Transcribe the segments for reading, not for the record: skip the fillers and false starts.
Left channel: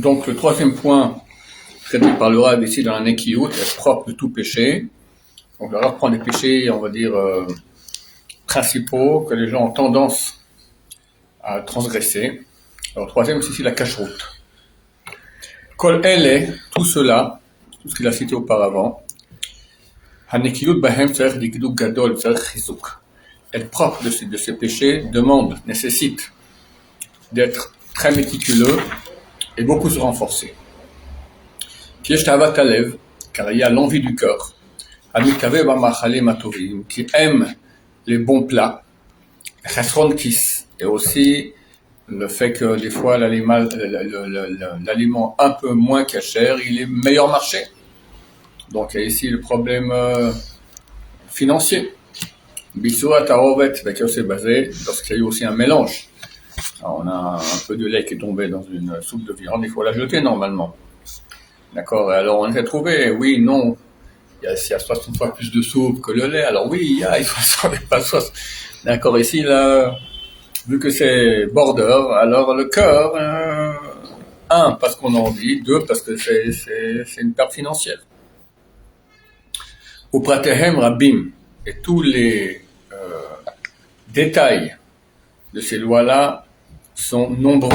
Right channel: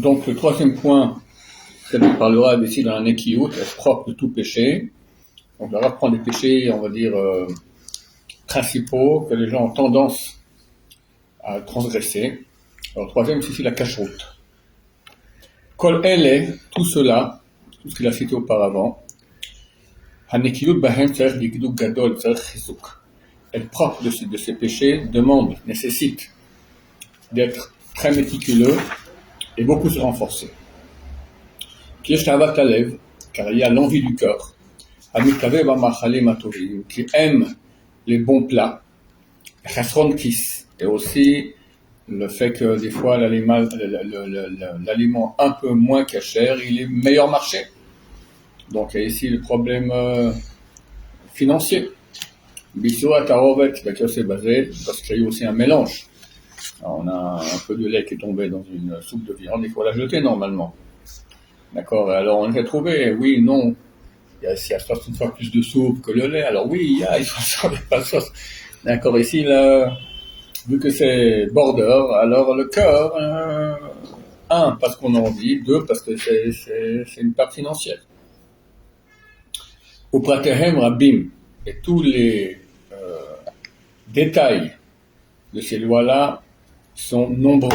Donc le troisième point traité par le Rav ici dans la Nekiyut, est propre de tout péché. Donc le Rav prend des péchés, on va dire, principaux que les gens ont tendance à transgresser. Alors le troisième, c'est ici la cacheroute. Kol ele, tout cela, tout ce qu'il a cité auparavant, Hanekiyut bahem tzarech likduk gadol tzarech chizuk. Être propre de ces péchés nécessite d'être très méticuleux et beaucoup se renforcer. Kiesh tavat halev, car il y a l'envie du cœur, Amikave b'machalem hatovim, qui aime les bons plats, chasron kis, et aussi le fait que des fois l'aliment un peu moins cachère, il est meilleur marché. Donc il y a ici le problème financier. Bissoua tarovet, c'est basé lorsqu'il y a eu aussi un mélange. Alors, on a un peu de lait qui est tombé dans une soupe de viande, il faut la jeter normalement. D'accord. Alors on a trouvé, oui, non, il y a 60 fois plus de soupe que le lait. Alors oui, il y a 60 pas 60. D'accord. Ici là, vu que c'est border, alors le cœur, un, parce qu'on en dit, deux, parce que c'est une perte financière. Au pratehem rabim, et tous les détails de ces lois-là sont nombreux.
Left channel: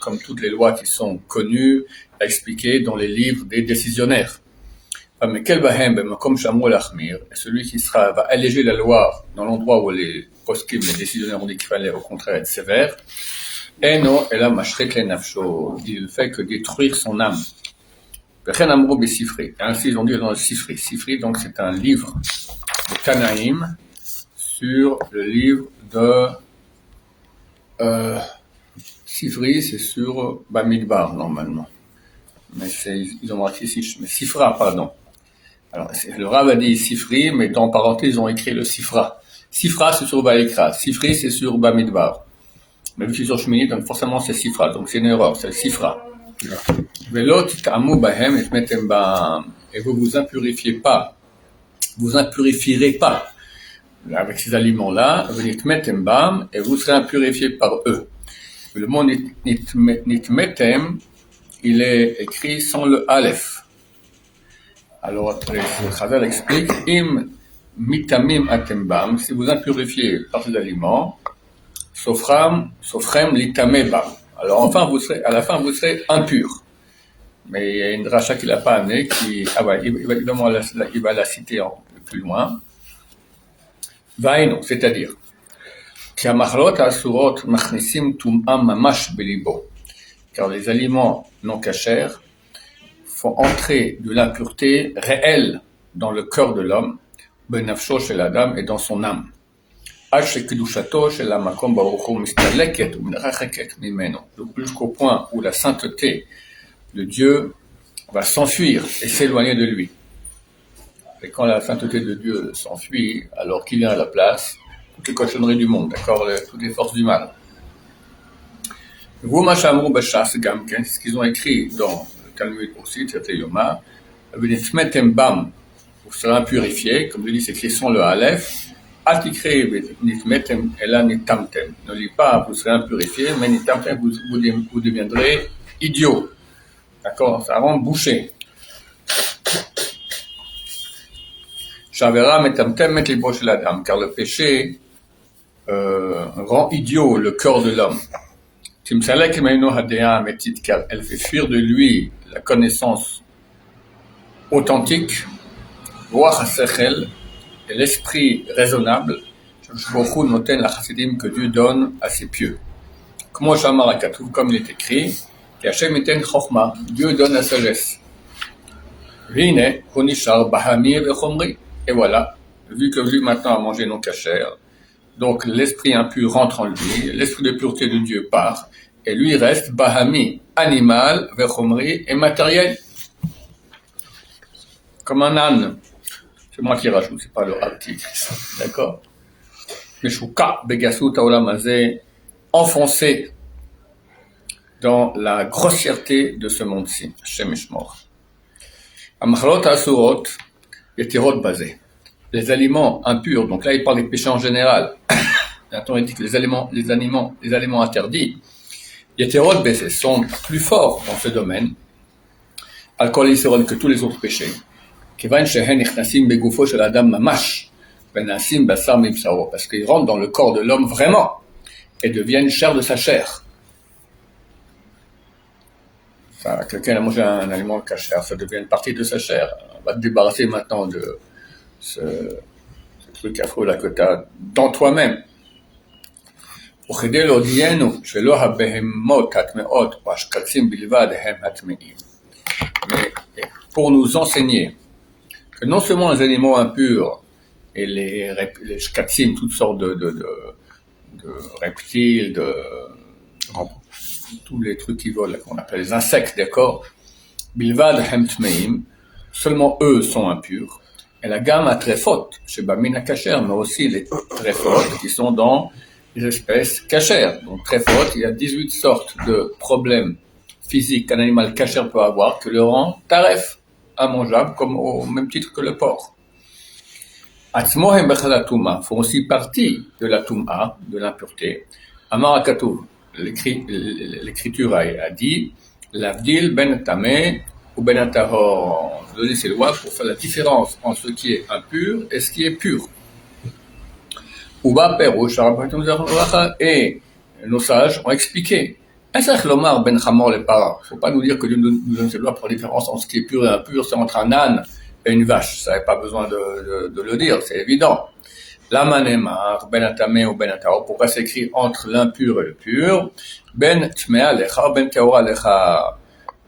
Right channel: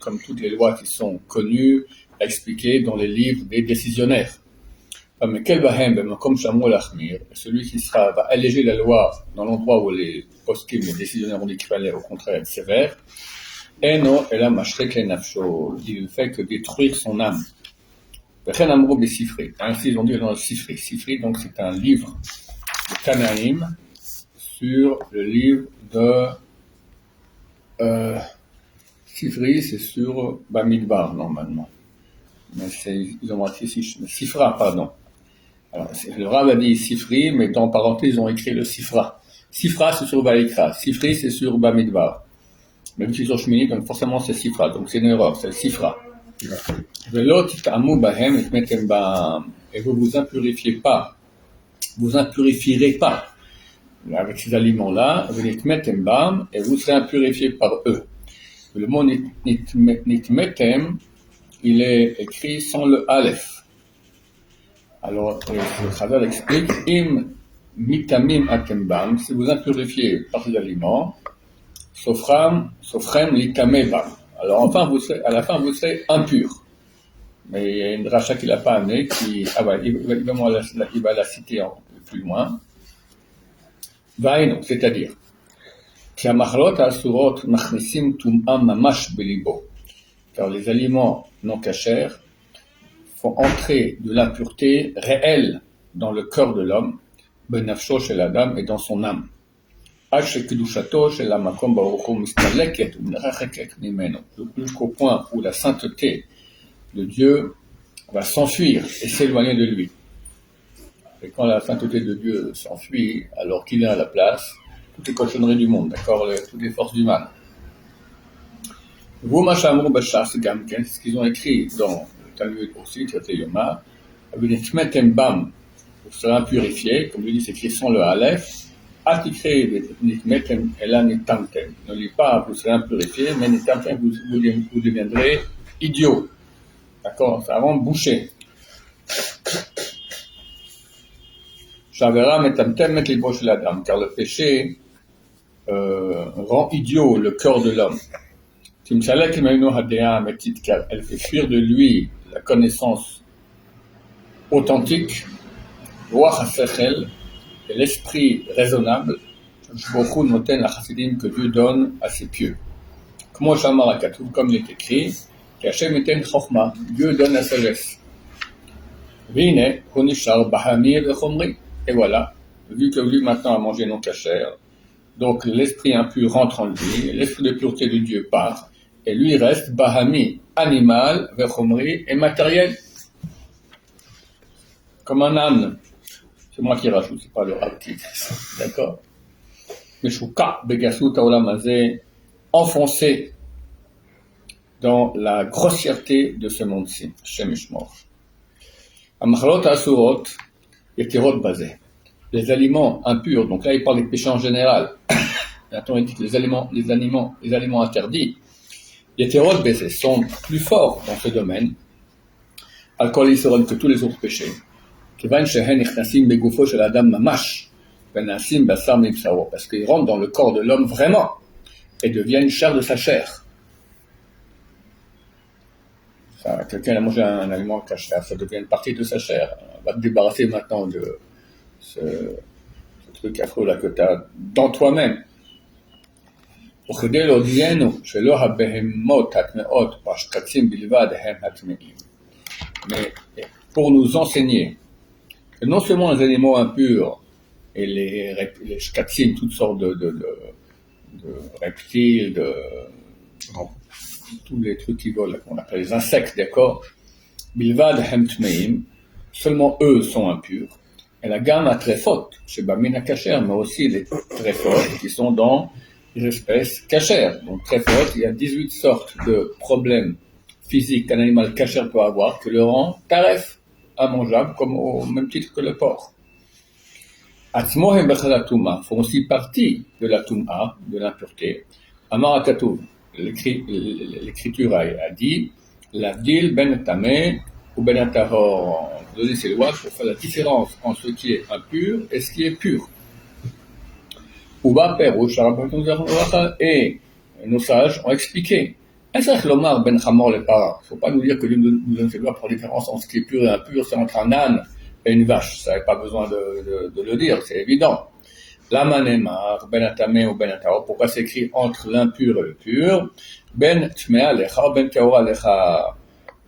Comme toutes les lois qui sont connues, expliquées dans les livres des décisionnaires. Mais celui qui va alléger la loi dans l'endroit où les poskim, les décisionnaires ont dit qu'il fallait au contraire être sévère, il ne fait que détruire son âme. Ainsi ils ont dit dans le Sifri. Sifri, donc c'est un livre de Tanaïm sur le livre de Sifri, c'est sur Bamidbar normalement. Mais ils ont marqué Sifra, pardon. Alors, le Rav a dit Sifri, mais dans parenthèse, ils ont écrit le Sifra. Sifra, c'est sur Baïkra. Sifri, c'est sur Bamidbar. Mais vu que c'est sur Shmini, donc forcément c'est Sifra. Donc c'est une erreur, c'est le Sifra. Et vous vous impurifierez pas avec ces aliments-là, et vous serez impurifiés par eux. Le mot nitmetem, il est écrit sans le aleph. Alors, le Chazal explique, im mitamim atembam, si vous impurifiez par ces aliments, sofrem litamebam. Alors, enfin, à la fin, vous serez impur. Mais il y a une dracha qui l'a pas amenée, il va la citer un peu plus loin. Vaïno, c'est-à-dire, car les aliments non cachers font entrer de l'impureté réelle dans le cœur de l'homme, benafsho chez la dame et dans son âme. Jusqu'au point où la sainteté de Dieu va s'enfuir et s'éloigner de lui. Et quand la sainteté de Dieu s'enfuit, alors qui vient à la place? Toutes les cochonneries du monde, d'accord, toutes les forces du mal. Vous, Machamou Bachas, c'est ce qu'ils ont écrit dans le Talmud aussi, c'était Yoma, Bam, vous serez impurifiés, comme je dis, c'est écrit sans le Aleph, Atikre Nitmetem Ela Nitamtem. Ne lis pas, vous serez impurifiés, mais Nitamtem, vous deviendrez idiots. D'accord, ça rend bouché. Shavera metamtem met les broches la dame, car le péché rend idiot le cœur de l'homme. Car elle fait fuir de lui la connaissance authentique, et l'esprit raisonnable, que Dieu donne à ses pieux. Comme il est écrit, Dieu donne la sagesse. Et voilà, vu que lui maintenant a mangé non cachère, donc l'esprit impur rentre en lui, l'esprit de pureté de Dieu part, et lui reste bahami, animal, vechomri et matériel. Comme un âne. C'est moi qui rajoute, c'est pas le Rav qui écrit ça. D'accord? Meshuka begasut haolamazé, enfoncé dans la grossièreté de ce monde-ci. Hashem Yishmor. Amachalot asurot et tirot basé. Les aliments impurs, donc là il parle des péchés en général. Attends, il dit que les aliments interdits, Yeterot Bessé sont plus forts dans ce domaine, Al-Kol Yisron, que tous les autres péchés. Kevan Shehen Ichnasim Begoufo Shel Adam Mamash, Benasim Basar Mibsaro, parce qu'ils rentrent dans le corps de l'homme vraiment, et deviennent chair de sa chair. Ça, quelqu'un a mangé un aliment cachère, ça devient une partie de sa chair. On va te débarrasser maintenant de ce truc affreux là que tu as dans toi-même. וכדי להודיענו שלא הבהמות הטמאות והשקצים בלבד הם הטמאים. Mais pour nous enseigner que non seulement les animaux impurs et les shkatzim, toutes sortes de reptiles, tous les trucs qui volent, qu'on appelle les insectes, d'accord, bilvad hem tmeim, seulement eux sont impurs. Et la gamme a trefot, chez Bamina Kacher, mais aussi les trefot qui sont dans les espèces cachères. Donc trefot, il y a 18 sortes de problèmes physiques qu'un animal cachère peut avoir, que le rend taref, immangeable, comme au même titre que le porc. Atzmohem bechal touma font aussi partie de la touma, de l'impureté. Amar Akatouv, l'écriture a dit, l'avdil ben tameh ou ben atahor, donner ses lois pour faire la différence entre ce qui est impur et ce qui est pur. Uba perouch, et nos sages ont expliqué. Il ne faut pas nous dire que Dieu nous donne ses lois pour la différence entre ce qui est pur et impur, c'est entre un âne et une vache. Ça n'a pas besoin de le dire, c'est évident. La manemar, ben atamé ou ben atao, pourquoi c'est écrit entre l'impur et le pur? Ben tmea lecha, ben teora lecha,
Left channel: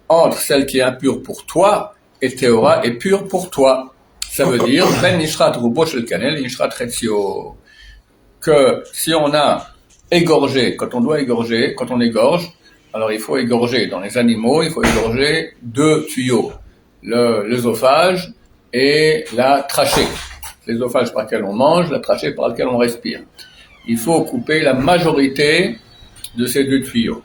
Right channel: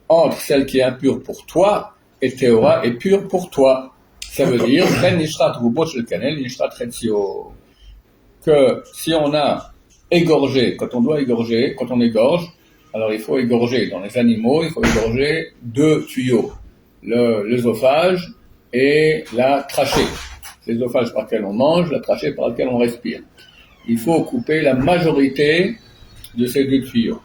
entre celle qui est impure pour toi et teora est pure pour toi. Ça veut dire, ben nishrat rubo shel kanel, nishrat retzio, que si on a égorgé, quand on égorge, alors il faut égorger dans les animaux, il faut égorger 2 tuyaux, l'œsophage et la trachée. L'œsophage par lequel on mange, la trachée par laquelle on respire. Il faut couper la majorité de ces 2 tuyaux.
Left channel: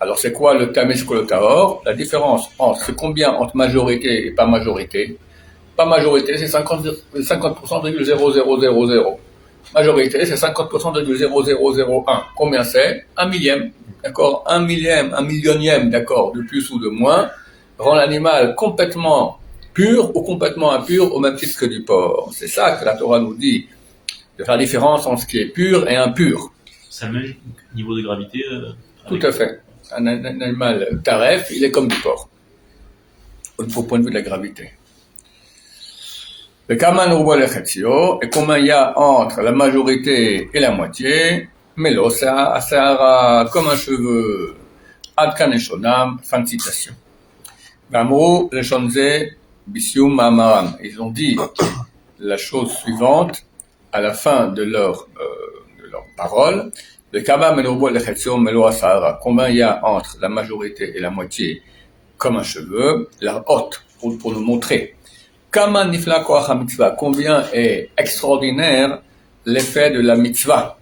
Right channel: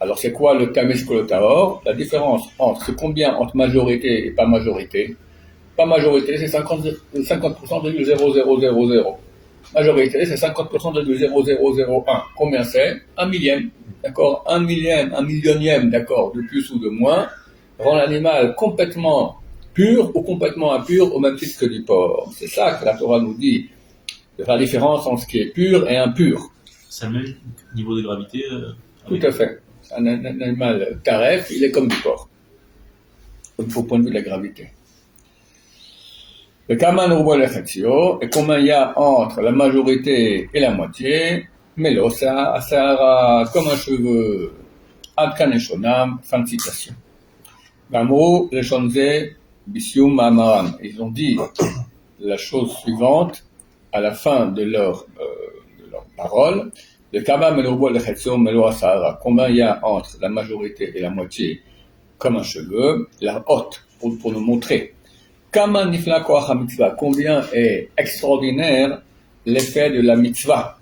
Alors c'est quoi le tamesh kolotahor? La différence entre combien entre majorité et pas majorité? Pas majorité, c'est 50%,0000. Majorité, c'est 50%,0001. Combien c'est? 1 millième, d'accord? 1 millième, 1 millionième, d'accord, de plus ou de moins, rend l'animal complètement pur ou complètement impur au même titre que du porc. C'est ça que la Torah nous dit, de faire la différence entre ce qui est pur et impur. C'est le même niveau de gravité Tout à fait. Un animal taref, il est comme du porc, au point de vue de la gravité. Et combien il y a entre la majorité et la moitié? Melosa, asara, comme un cheveu, adkan et shonam, fin de citation. Gamro, les shonze, bisium ma'amaram. Ils ont dit la chose suivante à la fin de leur parole. Le kama menobo lechetio melo asara. Combien il y a entre la majorité et la moitié? Comme un cheveu, la haute, pour nous montrer. Kama nifla koach mitzvah, combien est extraordinaire l'effet de la mitzvah.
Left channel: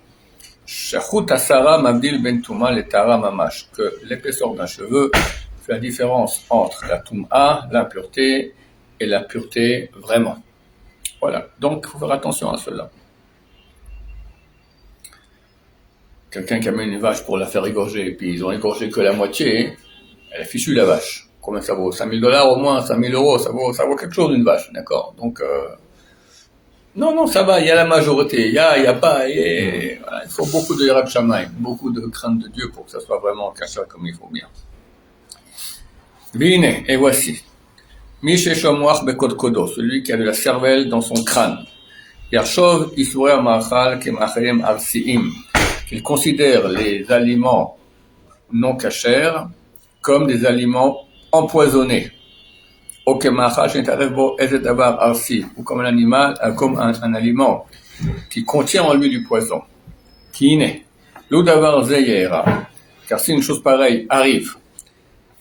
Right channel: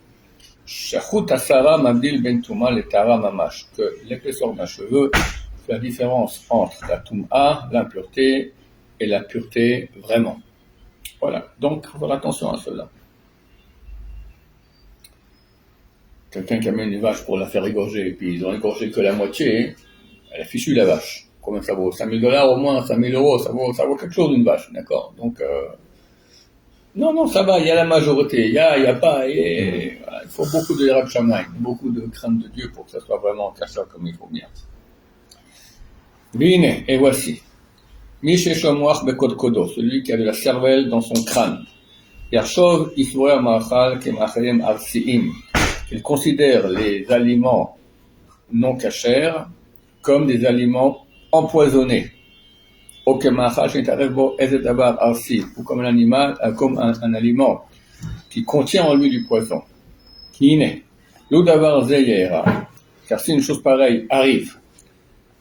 Shachut asara mabdil ben tuma le tara mamash, que l'épaisseur d'un cheveu fait la différence entre la tuma, l'impureté, et la pureté vraiment. Voilà, donc il faut faire attention à cela. Quelqu'un qui amène une vache pour la faire égorger, et puis ils ont égorgé que la moitié, elle a fichu la vache. Combien ça vaut? $5,000 au moins, 5,000 €, ça vaut quelque chose une vache, d'accord? Donc, non, ça va, il y a la majorité, il y a pas, voilà, il faut beaucoup de hirat shamayim, beaucoup de crainte de Dieu pour que ça soit vraiment caché comme il faut bien. Vine, et voici. Mishe shomuach bekod kodo, celui qui a de la cervelle dans son crâne. Yershov isure amachal kemachem arsiim, qu'il considère les aliments non cachers comme des aliments empoisonnés. Ou comme un animal, comme un aliment qui contient en lui du poison. Qui n'est. Car si une chose pareille arrive,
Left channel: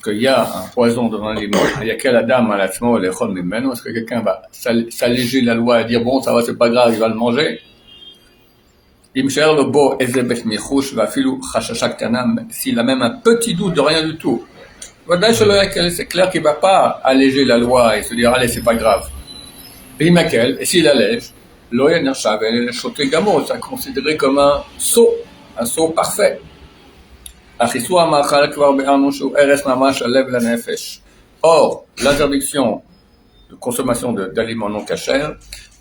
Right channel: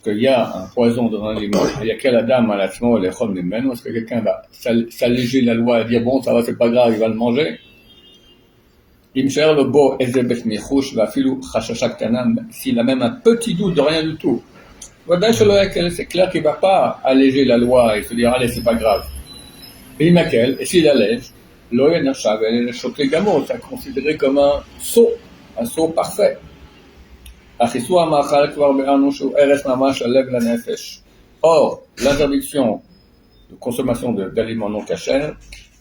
qu'il y a un poison dans un aliment, il y a quelle dame à la est-ce que quelqu'un va s'alléger la loi et dire bon, ça va, c'est pas grave, il va le manger? S'il a même un petit doute de rien du tout, c'est clair qu'il ne va pas alléger la loi et se dire allez, c'est pas grave. Et s'il allège, c'est considéré comme un sceau parfait. Achisu hamachal kvar be'arnu shu eres mamash alev lanefesh. Or, l'interdiction de consommation d'aliments non cachers,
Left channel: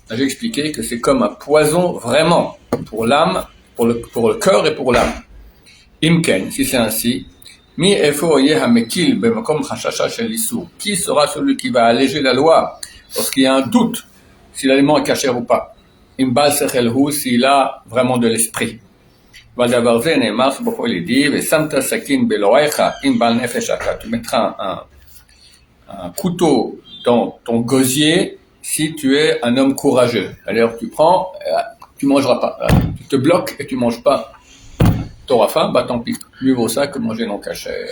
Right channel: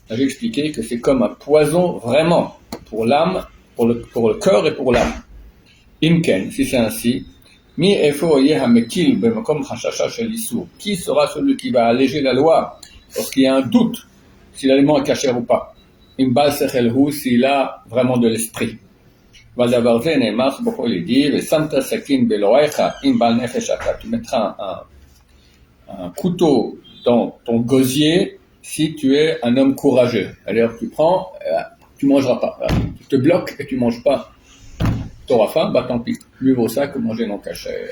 j'ai expliqué que c'est comme un poison vraiment pour l'âme, pour le cœur et pour l'âme. Imken, si c'est ainsi, mi efo yeh hamekil be'makom chashasha shel isur. Qui sera celui qui va alléger la loi lorsqu'il y a un doute si l'aliment est caché ou pas? Imbal sechel hu, s'il a vraiment de l'esprit. Valdavar ze ne'emar, beaucoup il dit, ve'samta sakin belorecha imbal nefesh ata. Tu mettras un couteau dans ton gosier si tu es un homme courageux. Alors tu prends, tu mangeras pas. Tu te bloques et tu manges pas. T'auras faim, bah tant pis. Mieux vaut ça que manger non cachère.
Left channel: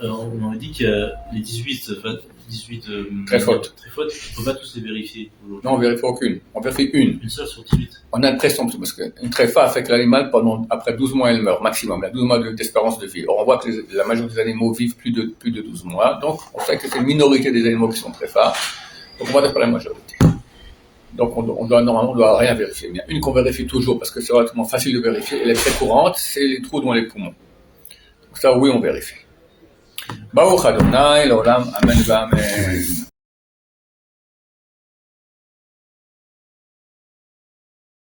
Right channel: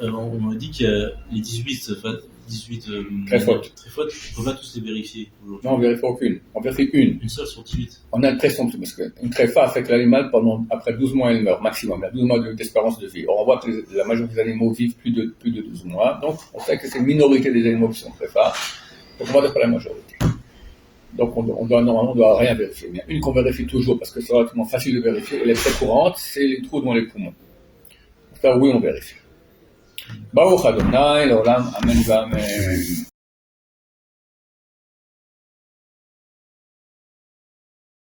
Alors, on m'a dit que les 18 Très fautes, on ne peut pas tous les vérifier aujourd'hui. Non, on vérifie aucune. On vérifie une. Une seule sur 18. On a une très sombre, parce qu'une tréfa affecte l'animal après 12 mois, elle meurt, maximum. Il y a 12 mois d'espérance de vie. Or, on voit que la majorité des animaux vivent plus de 12 mois. Donc, on sait que c'est une minorité des animaux qui sont tréfa. Donc, on va d'après la majorité. Donc, normalement, on ne doit rien vérifier. Il y a une qu'on vérifie toujours, parce que c'est relativement facile de vérifier. Elle est très courante, c'est les trous dans les poumons. Donc, ça, oui, on vérifie. Baruch Adonai, l'olam, amen, amen.